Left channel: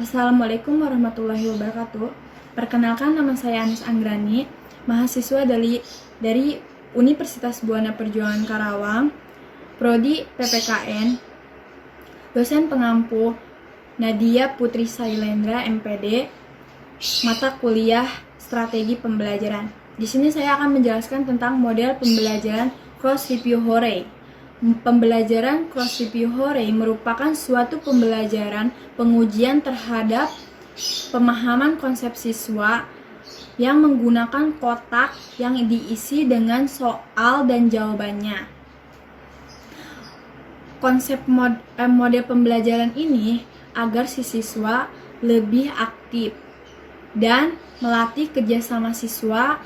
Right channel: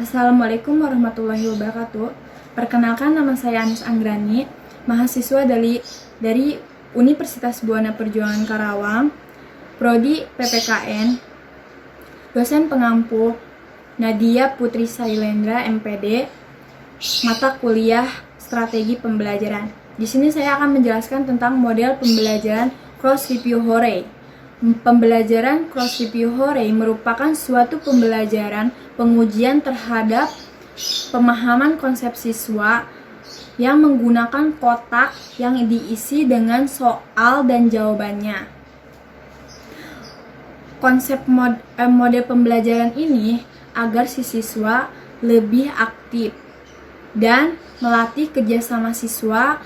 Assalamualaikum warahmatullahi wabarakatuh. Perkenalkan, nama saya Anis Anggrani, mahasiswa dari Universitas Buana Perjuangan Karawang, Prodi PPKN, dosen pengampu Nadia Putri Sailendra MPD, mata kuliah Strategi Pembelajaran. Di sini saya akan menjelaskan tentang model pembelajaran Cross Review Horay. Pembelajaran Cross Review Horay merupakan suatu pembelajaran pengujian terhadap pemahaman konsep siswa yang menggunakan kotak yang diisi dengan soal dan jawabannya. Konsep model pembelajaran ini agar si siswa lebih aktif dan melatih kerjasama siswa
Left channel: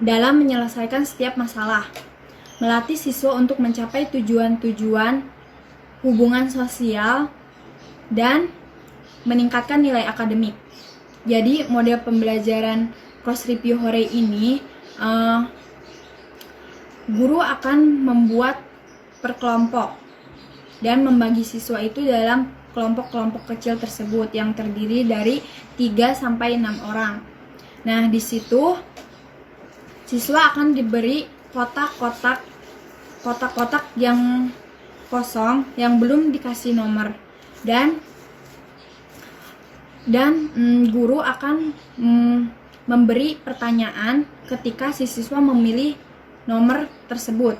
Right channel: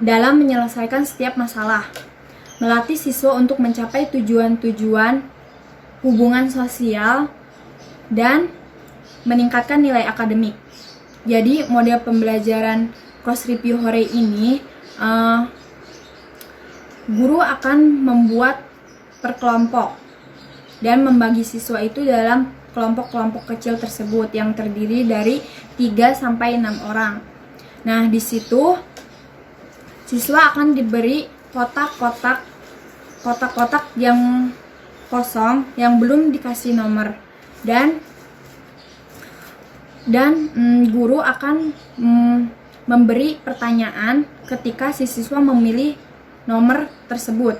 dalam menyelesaikan setiap masalah. Melatih siswa untuk mencapai tujuan-tujuan hubungan sosial dan meningkatkan nilai akademik. Jadi model pembelajaran Cross Review Horay ini guru akan membuat per-kelompok dan membagi siswa itu dalam kelompok-kelompok kecil tersebut yang terdiri dari 3-6 orang. Nah, di situ siswa akan diberi kotak-kotak yang kosong yang belum dikasih nomor, dan guru akan memberi pertanyaan ketika si siswa memilih nomor tersebut.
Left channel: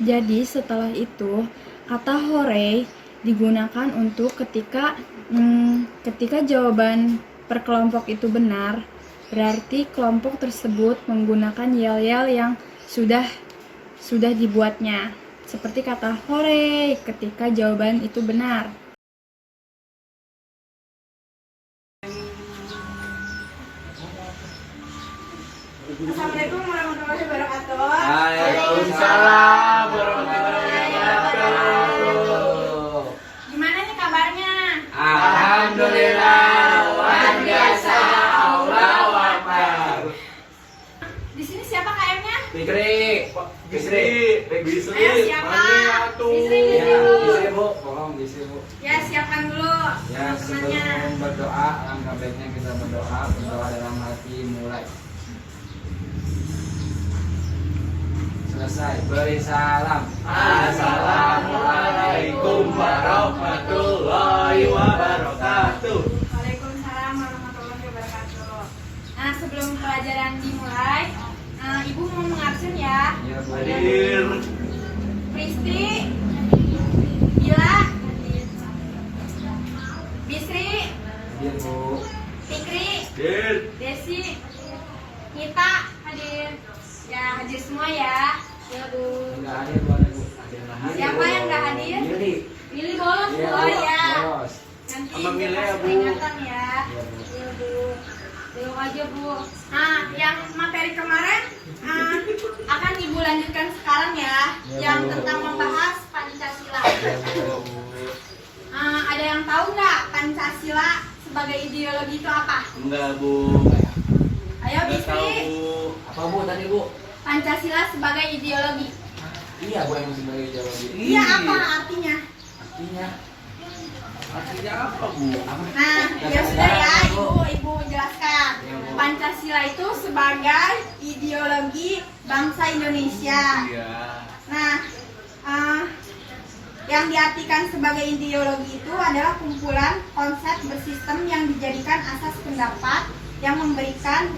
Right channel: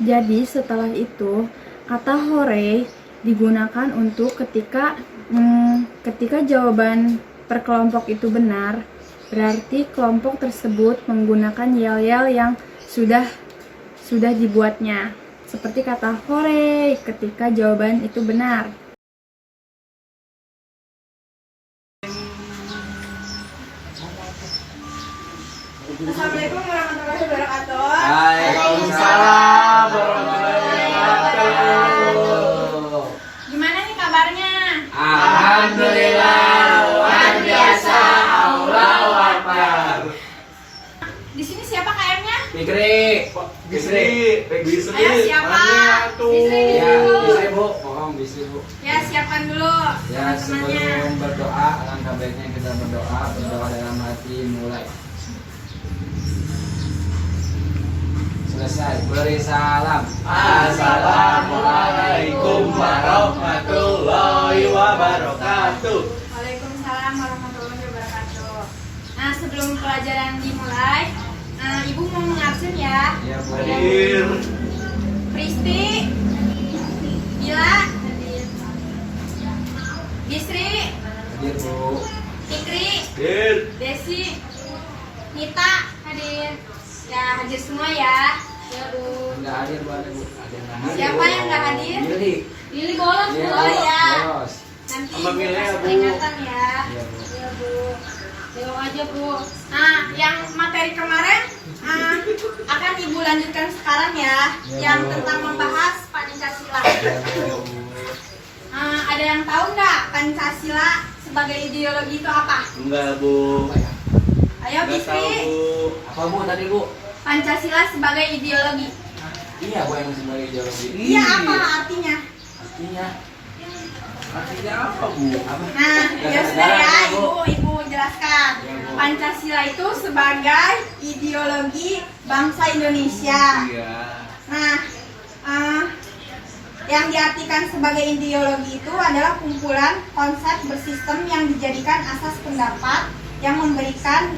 Jadi setelah itu kata Horay digunakan untuk ketika jawaban per kelompok itu benar, berarti kelompok tersebut menggunakan yel-yel yang sudah dibuatnya. Seperti kata Horay ketika jawaban itu benar. Assalamualaikum warahmatullahi wabarakatuh. Waalaikumsalam warahmatullahi wabarakatuh. Gimana nih kabarnya? Alhamdulillah, luar biasa, Allahu Akbar. Di sini siapa KM-nya? Bisri. Ayo siapa? Bisri di Ya, situ. Bisri Bu, bohong Bisri Bu. Ya, siapkan dulu Ya, teman-temannya. sebelum berdoa, alangkah baiknya kita berdoa dalam hati mulai. Selesai, beri salam. Assalamualaikum warahmatullahi wabarakatuh. Waalaikumsalam warahmatullahi wabarakatuh. Nah, sebelum pelajaran dimulai, Ibu mau mengabsen ya. Ya, Bu. Hadir. Pristi, Bila, Bisri, Hadir, Bu. Fikri, Hadir. Desi, Nita, hadir. Ya, hadir semua ya. Ya, Bu. Enggak hadir, Bu. Ada, Bu. Ada yang nggak hadir. Siapa yang nggak hadir? Lili. Lili bolos, Iya, Bu. Oh ya. bolos. Nanti Sama Mila ya, kasih Bu. peringatan ya. Iya, Bu. Iya, Bu. Tengok aja, Bu. Nah, yang materi kemarin akan Ibu lanjutkan sekarang ya. Iya, Yang Bu. tentang membahas Pancasila. Iya, Bu. Ada yang tahu nggak Pancasila sebagai ideologi itu apa? Enggak, Bu. Ayo, Enggak tahu, Bisri. Bu. Apa, Bu, tadi, Bu? Pancasila sebagai ideologi. Iya, Bu, yang sebagai ideologi. Iya, apa artinya? Artinya apa, Bu? Nah, ya sudah ya, Ibu jelaskan. Iya, Bu. Pancasila itu sebagai ideologi bangsa Indonesia. Iya. Nah, yang diartikan sebagai ideologi itu adalah kumpulan konsep bersistem yang dijadikan asas pendapat yang memberikan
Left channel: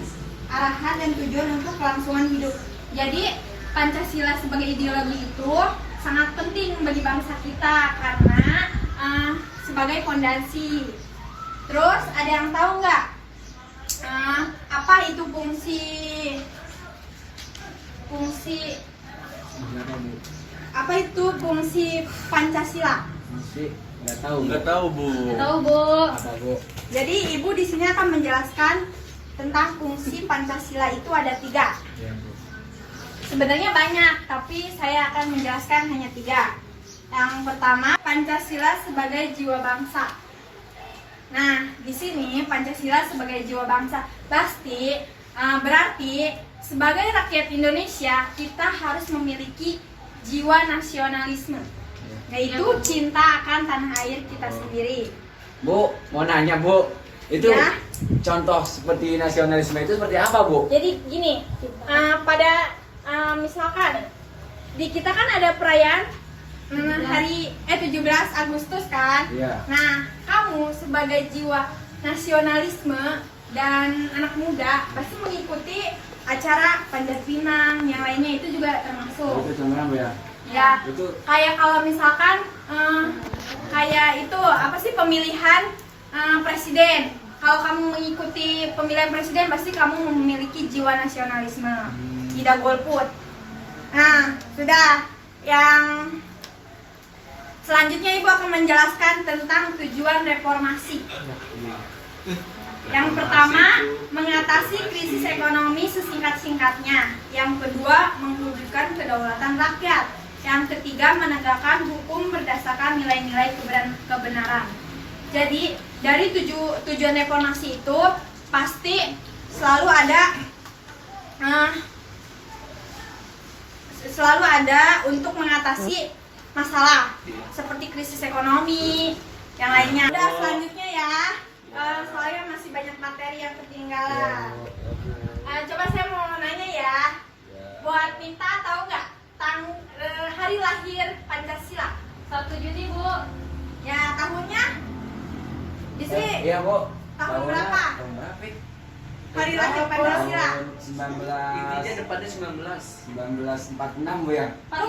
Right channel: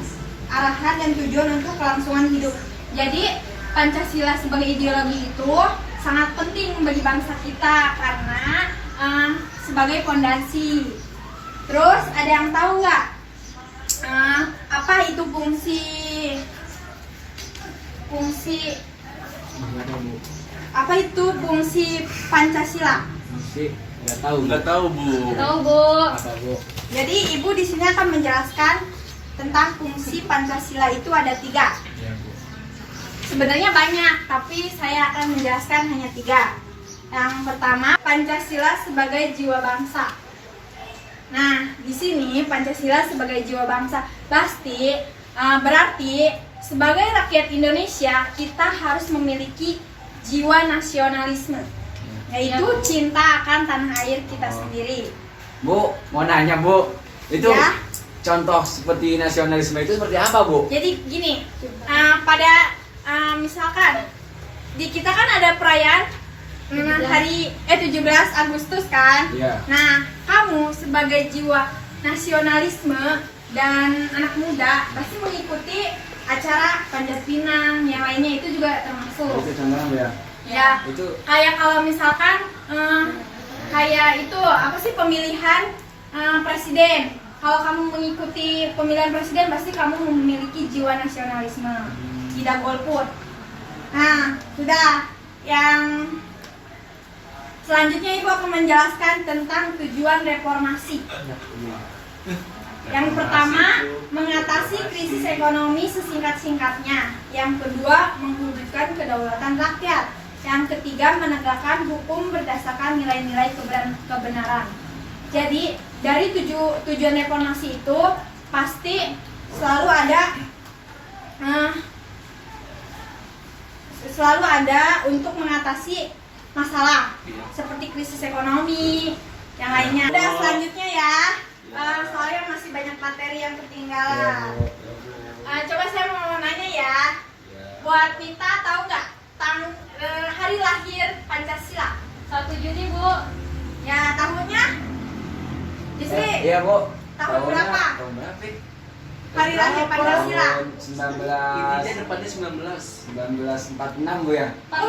arahan dan tujuan untuk kelangsungan hidup. Jadi, Pancasila sebagai ideologi itu sangat penting bagi bangsa kita karena sebagai fondasi. Terus ada yang tahu nggak apa itu fungsi Gimana, Bu? apa itu fungsi Pancasila? Mesti nggak tahu, Bu. Enggak tahu, Bu. Tahu, Bu. Apa, Bu? Jadi Ibu di sini akan menjelaskan tentang fungsi Pancasila itu ada 3. Iya, Bu. Sebenarnya banyak, tapi saya akan menjelaskan hanya 3. Yang pertama, Pancasila sebagai jiwa bangsa. Nah, di sini Pancasila sebagai jiwa bangsa berarti sebagai rakyat Indonesia kita harus memiliki jiwa nasionalisme, yaitu cinta akan tanah air kita sendiri. Bu, mau nanya Bu, itu Ya. contoh seperti nasionalisme itu seperti apa Bu? Jadi gini, pada misalkan di kita kan ada perayaan hari 17 Agustus kan. Iya. Nah, kamu sebagai jiwa nasionalisme dan anak muda pasti mengikuti acara Panjat Pinang yang lainnya itu juga termasuk. Itu contohnya Bu ya. Ya, Itu kayak kalau misalkan kayak itu apa sih pemilihan presiden. Kalau kamu mengikuti pemilihan presiden pasti kamu memiliki jiwa nasionalisme. Tidak golput. Nah, sudah. Yang selanjutnya Ibu akan menjelaskan tentang tujuan reformasi. Yang pertama, mengatasi krisis ekonomi sesingkat-singkatnya. Yang kedua, mewujudkan kedaulatan rakyat. Yang ketiga, menegakkan hukum berdasarkan nilai-nilai kebenaran. Jadi, dari tujuan reformasi itu pasti selalu ada untuk mengatasi masalah seperti krisis ekonomi yang lainnya. Udah selanjutnya ya, soalnya masih banyak materi yang ketinggalan. Coba saya mau nanya ya, buat Mita tahu nggak hari lahir Pancasila? 1 Juni Bu. Ya tahunnya? Justru iya Bu. Tahun berapa? Tahun berapa? hari lahir Pancasila. Tahun Intinya depannya 1946 Bu ya. Bukan.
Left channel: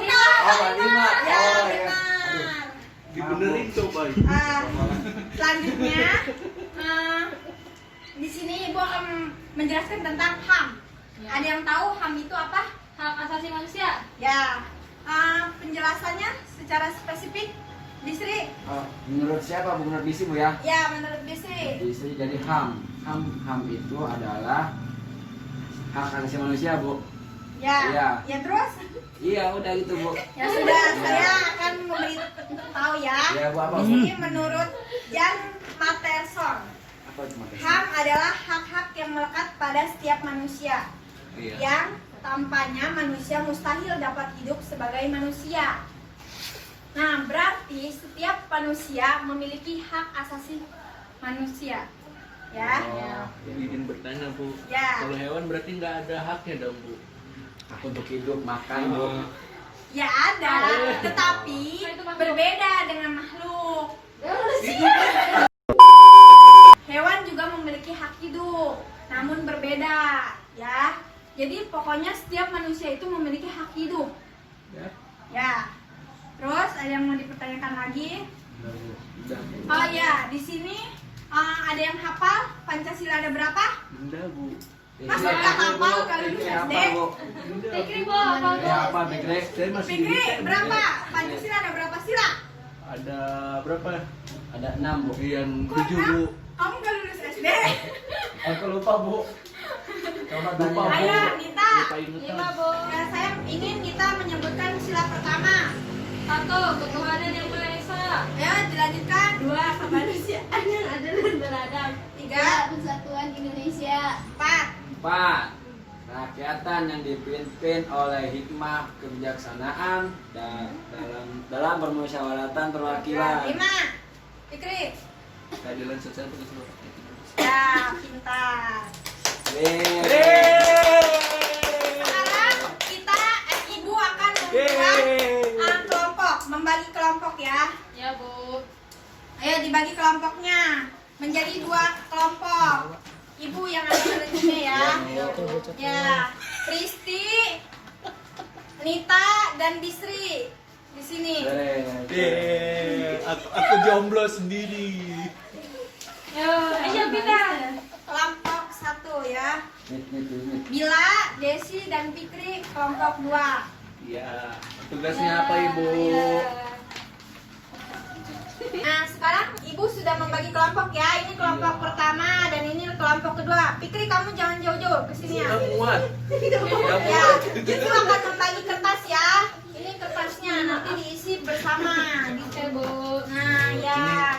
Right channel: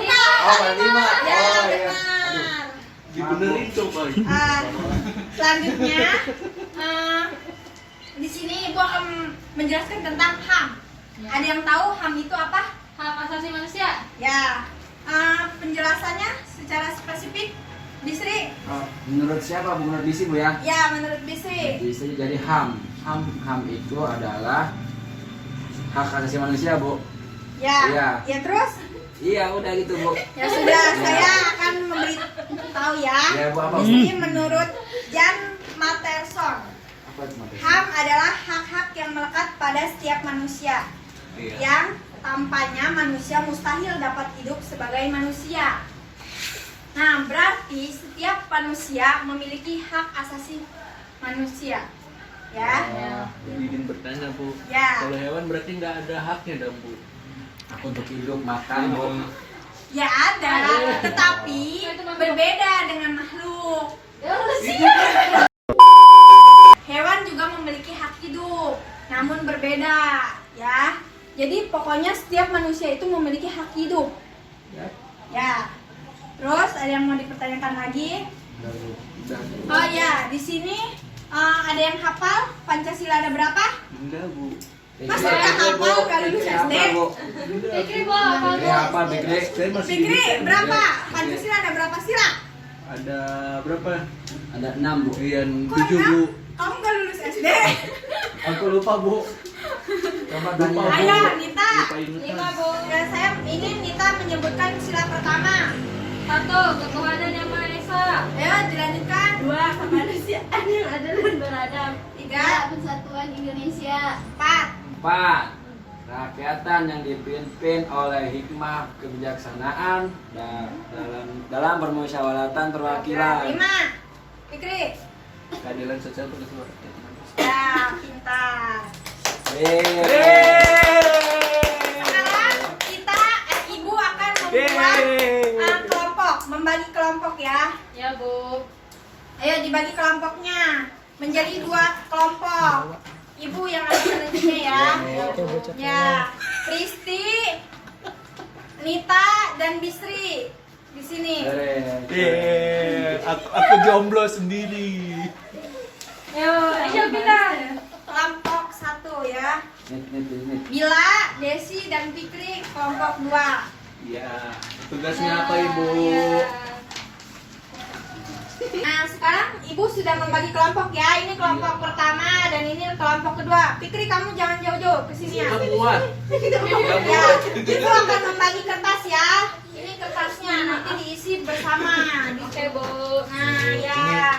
Oh, 45. Ya Oh iya. benar. Aduh. dibenerin coba. Selanjutnya di sini Ibu akan menjelaskan tentang HAM. Ya. Ada yang tahu HAM itu apa? Hak asasi manusia. Ya, penjelasannya secara spesifik, Bisri. Menurut siapa Bu? Menurut Bisi Bu ya? Ya, menurut Bisri. Bisa jadi HAM itu adalah hak asasi manusia Bu. Ya, Iya. ya terus. Iya udah gitu Bu. Ya sudah, saya akan memberitahu ya. Ya Bu apa? Jadi menurut Jan Mattelson, Apa itu Mas? HAM adalah hak-hak yang melekat pada setiap manusia. Iya. Yang tanpanya manusia mustahil dapat hidup sebagai manusia. Nah, berarti setiap manusia memiliki hak asasi manusia. Ya. Oh, Ingin bertanya Bu, Ya. kalau hewan berarti nggak ada haknya dong Bu? aku untuk hidup makan Bu. Ya ada, tetapi berbeda dengan makhluk. Hewan juga memiliki hak hidup, namun berbeda, ya. Jadi pokoknya setiap manusia itu memiliki hak hidup. Ya. Ya. Terus ada yang mau dipertanyakan lagi? Udah. Oh ya, di sini ada yang hafal Pancasila ada berapa? Enggak Bu. Masa nggak hafal kalau lulus SD? Bu? Fikri Bu, apa Bu? Apa Fikri? Saya masih Fikri, di berapa? Pancasila ada berapa sila? Ada berapa? Ada 6 Bu. Iya, Kok 7 Bu. enam? Kamu nggak lulus SD? Aku lupa Bu. Coba tanya. Lupa, Bu. Ayo, Nita. Lupa ingatan. 5 Bu. Dan saya ingin Nita menyebutkan sila pertama. 1. Ketuhanan yang Maha Esa. Ayo, dilanjutkan. 2. Kemanusiaan yang adil dan beradab. 3, Persatuan Indonesia. 4, 4. Rakyatan yang dipimpin oleh hikmah kebijaksanaan dalam permusyawaratan perwakilan. 5. Fikri. Keadilan sosial bagi seluruh rakyat Indonesia. Ya, pintar. Sekarang kita, Ibu akan membuat kelompok, membagi kelompok ya. Ya Bu. Ayo dibagi kelompoknya menjadi 2 kelompok. Ibu yang ambil rezekinya ya. Ya, Pristi, Nita dan Bisri di sini. Aku jomblo sendiri. Ayo pindah. Kelompok 1 ya. Nih. Bila, Desi dan Fikri kelompok 2. Iya. Tugasnya apa Ibu? Nah, sekarang Ibu sudah membagi kelompok ya. Ini kelompok pertama dan ini kelompok kedua. Fikri, kamu jangan jauh-jauh ke sini ya. Nggak muat. Ya, Ibu akan membagi kertas ya. Ini kertasnya nanti diisi bersama gitu Bu. Nah, ya.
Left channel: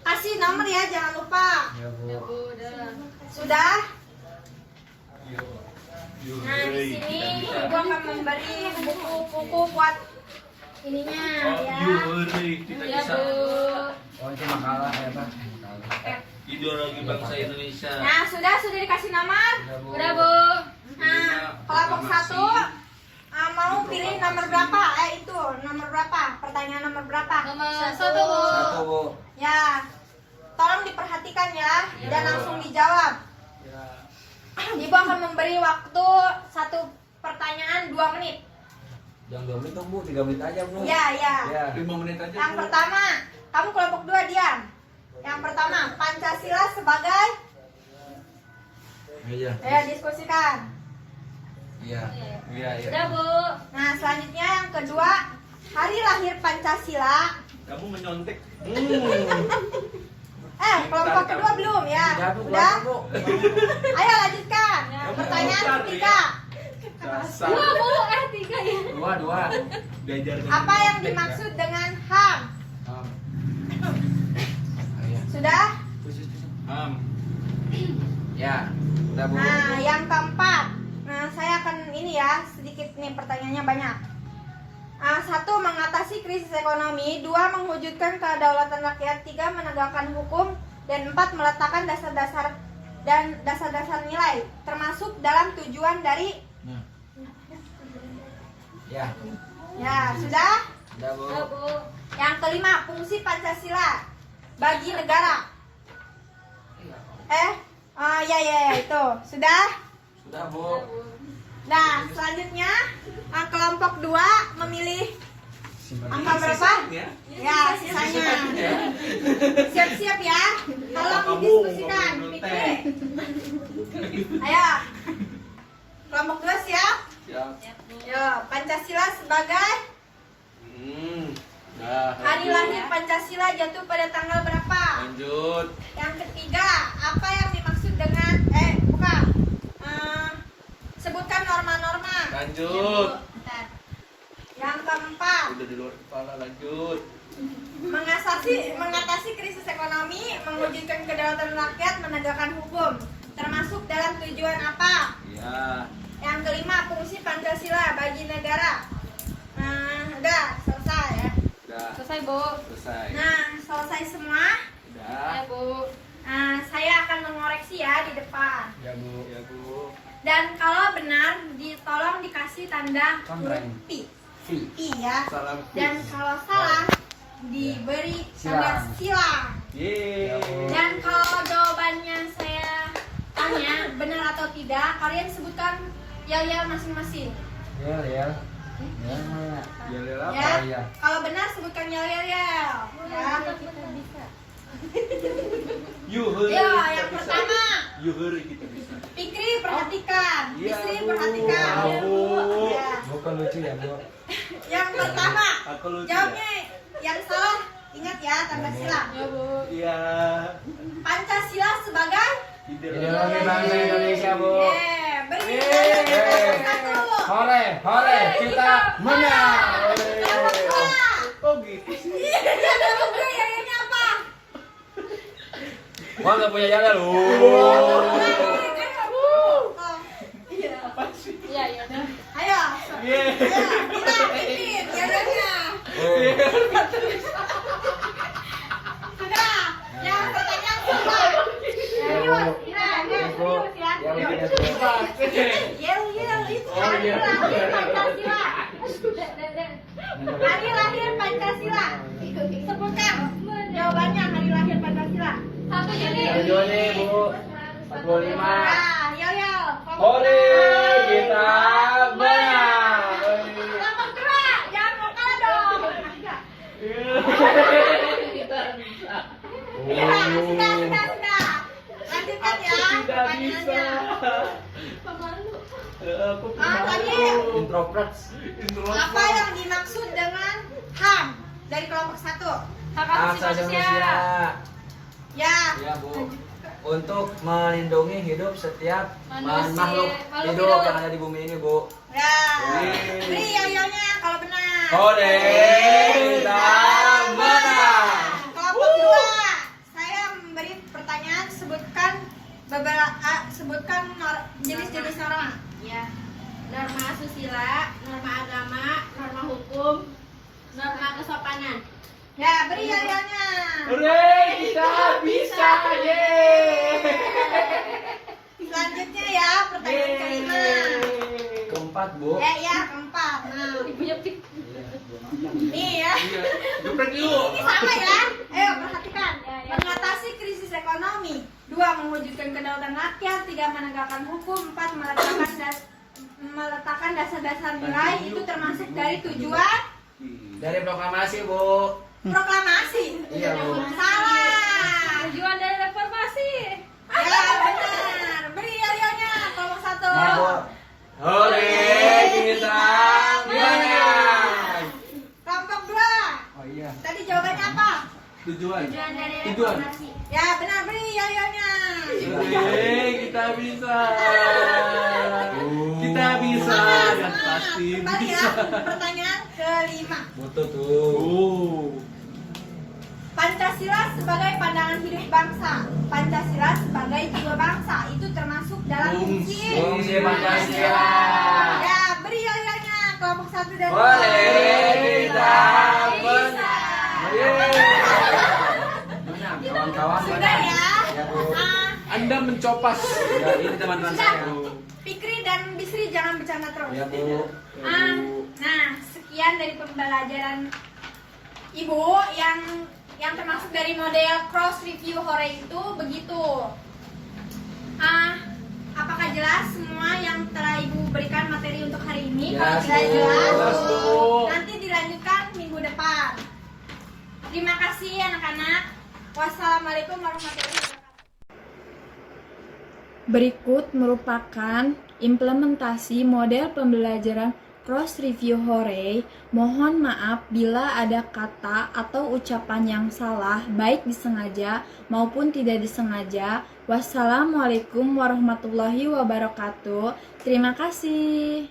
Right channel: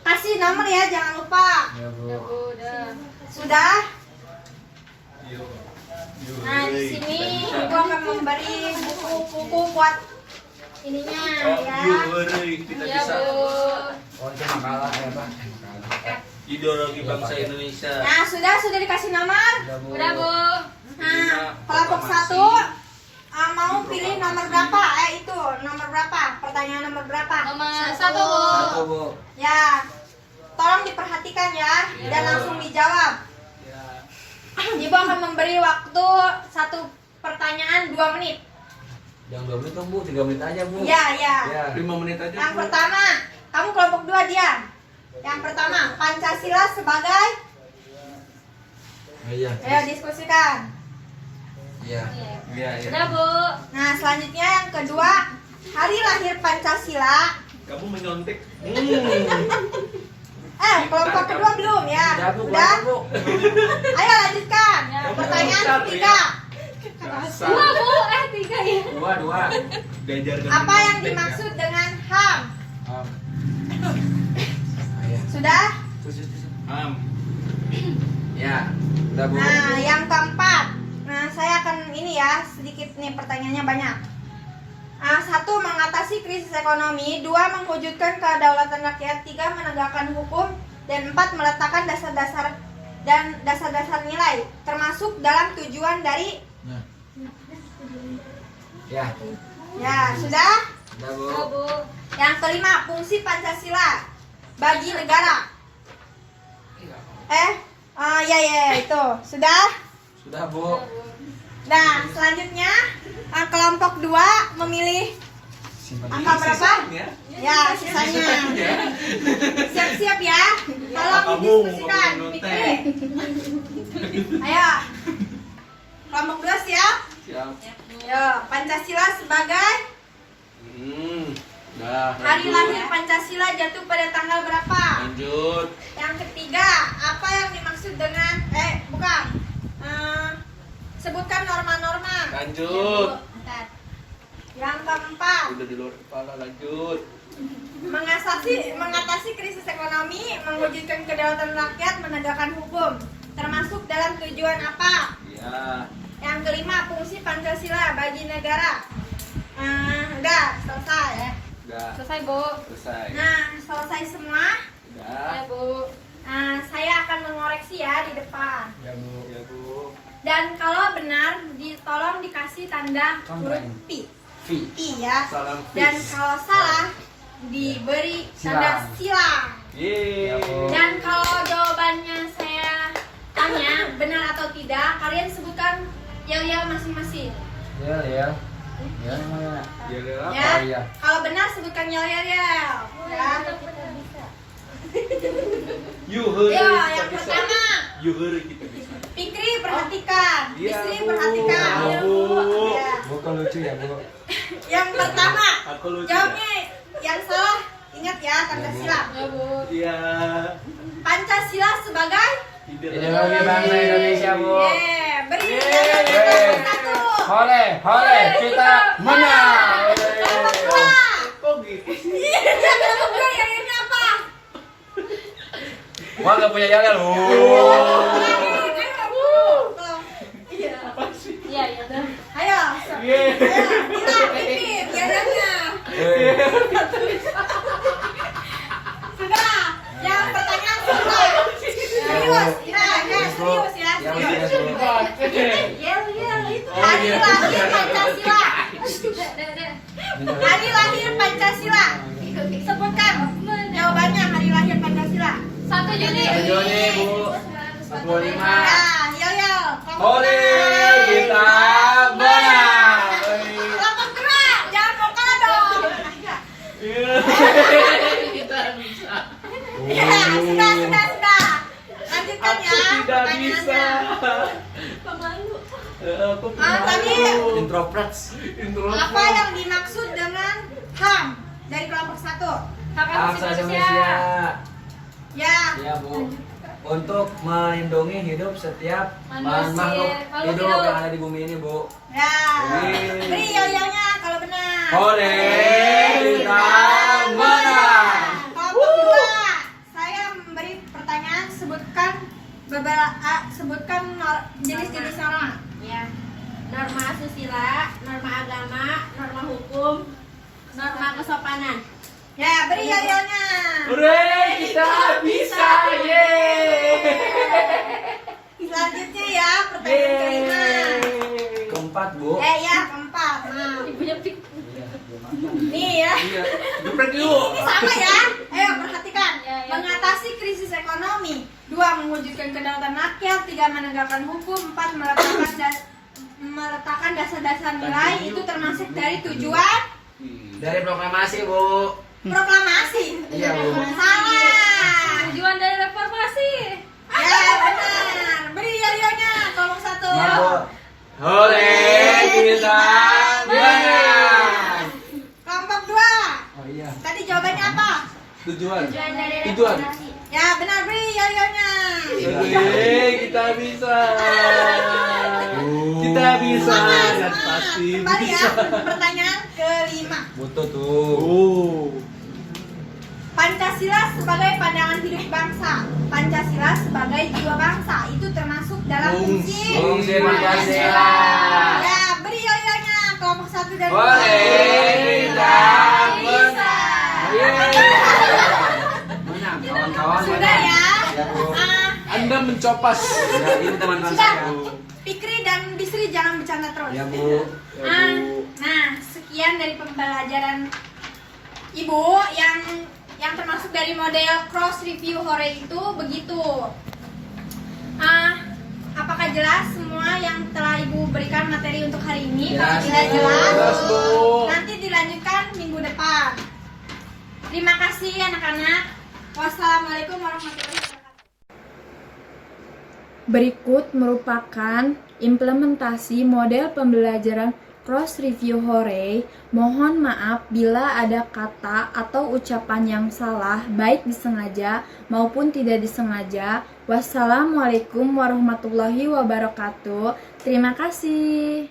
Kasih nomor ya, jangan lupa. Ya Bu. Ya Bu, udah. Sudah? Nah, di sini Ibu akan memberi buku-buku buat ininya ya. Yuri, kita Ya bisa. Bu. Oh itu makalah ya Pak. Makalah. Ideologi bangsa Indonesia. Nah, sudah dikasih nomor? Udah, Bu. Nah, kelompok 1 mau pilih nomor berapa? Itu nomor berapa? Pertanyaan nomor berapa? Nomor 1, Bu. Satu, Bu. Ya, tolong diperhatikan ya dan langsung dijawab. Ya. Ibu akan memberi waktu satu pertanyaan 2 menit. Yang 2 menit dong, Bu. 3 menit aja, Bu. Ya. Ya. 5 menit aja. Yang Bu. pertama, kamu kelompok 2 diam. Yang pertama, Pancasila sebagai Iya. ayo diskusikan. Iya. Iya, iya. Udah, Bu. Nah, selanjutnya yang kedua, hari lahir Pancasila. Kamu menyontek. Kelompok kedua belum ya? Udah, Bu. Udah? Bu. Ayo lanjutkan. Pertanyaan ketiga. Kasar. 2, Bu. 3 ya. Dua. Diajarkan Apa yang menyontek, dimaksud dengan HAM? Iya. Sudah? ya. Ya. Udah, Bu. Nah, yang keempat. Nah, saya akan ini ya, sedikit nih pertanyaannya banyak. 1. Mengatasi krisis ekonomi. 2. Mewujudkan kedaulatan rakyat. 3. Menegakkan hukum. Dan 4. Meletakkan dasar-dasar nilai, termasuk dalam tujuan dari. Nah. Ya. Ya, sudah? Udah, Bu. Udah, Bu. Yang kelima, fungsi Pancasila bagi negara. Ya, itu. Sudah? Sudah, Bu. Nah, selanjutnya kelompok 2 memilih angka berapa? Sisanya. Ya, sisanya. Siap-siap ya. Tolong Kamu didiskusikan. mau Pikir. Ayo. Kelompok 2 siap? Siap. Yo, Pancasila sebagai Dah. hari lanjut. lahir Pancasila jatuh pada tanggal berapa? Lanjut. Yang ketiga, apa yang dimaksud dengan bukan. Sebutkan norma-norma. Lanjut. Bentar. Yang keempat, Udah di luar kepala, lanjut. mengatasi krisis ekonomi, mewujudkan kedaulatan rakyat, menegakkan hukum, termasuk dalam tujuan apa? Ya. Yang kelima, fungsi Pancasila bagi negara. Udah selesai ya. Udah. Selesai, Bu. Selesai. Nah, selesai semua. Udah. Ya, Bu. Saya akan mengoreksi ya di depan. Ya, Bu. Ya, Bu. Dan kalau benar, tolong dikasih tanda huruf P. V. I ya. Salam Dan peace. kalau salah, diberi tanda silang. Yeay. Ya, Bu. Dan kalau jawabannya saya tanya benar atau tidak, kalian sebutkan yel-yel masing-masing. Ya. Ya, ya. Biar dia lapar. Ya. Oh, iya. Kalau benar sebutkan yel-yel. Ya. Yuhur. Ya, yang pertama, Yuhur kita bisa. Fikri perhatikan, Iya, Bisri Bu. perhatikan. Ya, Bu. Ya. Bu, kok lucu ya, Bu? Yang pertama, Aku lucu. jawabnya yang salah. Ingat ya tanda silang. Ya, Bu. Iya. Pancasila sebagai Ideologi bangsa Indonesia, Bu. beri yel-yel kelompok 1. Hore, kita menang. Kelompok 2. Kok gitu sih? Iya, kelompok 2 yel-yelnya apa? Wah, nggak punya yel lu. Iya, iya, dah. Ayo, Yeay. bilang bikin yel-yelnya. Sudah, yang pertanyaan sudah. Serius, serius ya. Ya, Bu. Serius. Yel-yel itu Oh, hari iya. lahir Pancasila. Dah. Hari lahir Pancasila. Sebutkan jawabannya hari lahir Pancasila. 1 Juni. 1 Juni, Bu. 45. Nah, yel-yel. Hore, kita menang. Kelompok gerak, jangan mau kalah dong. Ya, sudah. Lanjutkan Aku ya tidak bisa. pertanyaannya. Pemalu. Aku tadi Introvert. Apa yang dimaksud dengan HAM dari kelompok 1? Hak Hak asasi asasi manusia. manusia. Ya, Ya, Bu. Untuk melindungi hidup setiap Manusia, makhluk makhluk hidup hidup. yang ada di bumi ini, Bu. ya. Wih. Beri yel-yelnya kalau benar. Hore, kita menang. Kelompok 2, saya memberi pertanyaan, sebutkan jenis-jenis norma. Ya. Norma asusila, norma agama, norma hukum, norma kesopanan. Ya, beri yel-yelnya. Hore, kita bisa. pertanyaan kelima. Keempat, Bu. Ya, keempat. Nah, Ibunya pik. nih ya. Iya. Geprek yuk. Ini sama ya. Ayo perhatikan. Ya, ya. Mengatasi krisis ekonomi. 2. Mewujudkan kedaulatan rakyat. 3. Menegakkan hukum. 4. Meletakkan dasar-dasar nilai. Itu termasuk dari tujuan Dari proklamasi, Bu. proklamasi. Iya, Bu. Salah. Tujuan dari reformasi. Ya benar. Beri yo-yonya kelompok 1. Nah, Bu. Hore bintang bintang. Kelompok 2. Oh iya. Tadi jawabannya apa? Tujuan. Tujuan dari Tujuan. reformasi. Ya benar, beri yo-yonya. Hore, kita bisa. Kita bisa dan pasti Kembali ya. bisa. Pertanyaan kelima. Butuh tuh. Oh. Pancasila sebagai pandangan hidup bangsa. Pancasila sebagai jiwa bangsa. Itu termasuk dalam fungsi Fungsi Pancasila. Ya, beri yo-yonya kelompok 1 dan Hore bintang Bisa. Banyak kawan-kawan. Sudah ya. Ya, Bu. Ah, Anda mencopos. Ya, ini teman-teman Sudah. saya. Fikri dan Bisri jangan bercanda terus. Ya, Bu. Nah, sekian dari pembelajaran Ibu yang termasuk dari model cross review hore itu begitu. Apakah jelas semua yang telah Ibu berikan materi untuk hari ini? Kalau Jelas, tidak Bu. jelas, Jelas, Bu. nanti dilanjutkan minggu depan. Terima kasih anak-anak. Wassalamualaikum warahmatullahi wabarakatuh. Berikut merupakan implementasi model pembelajaran cross review hore. Mohon maaf bila ada kata atau ucapan yang salah, baik disengaja maupun tidak disengaja. Wassalamualaikum warahmatullahi wabarakatuh. Terima kasih.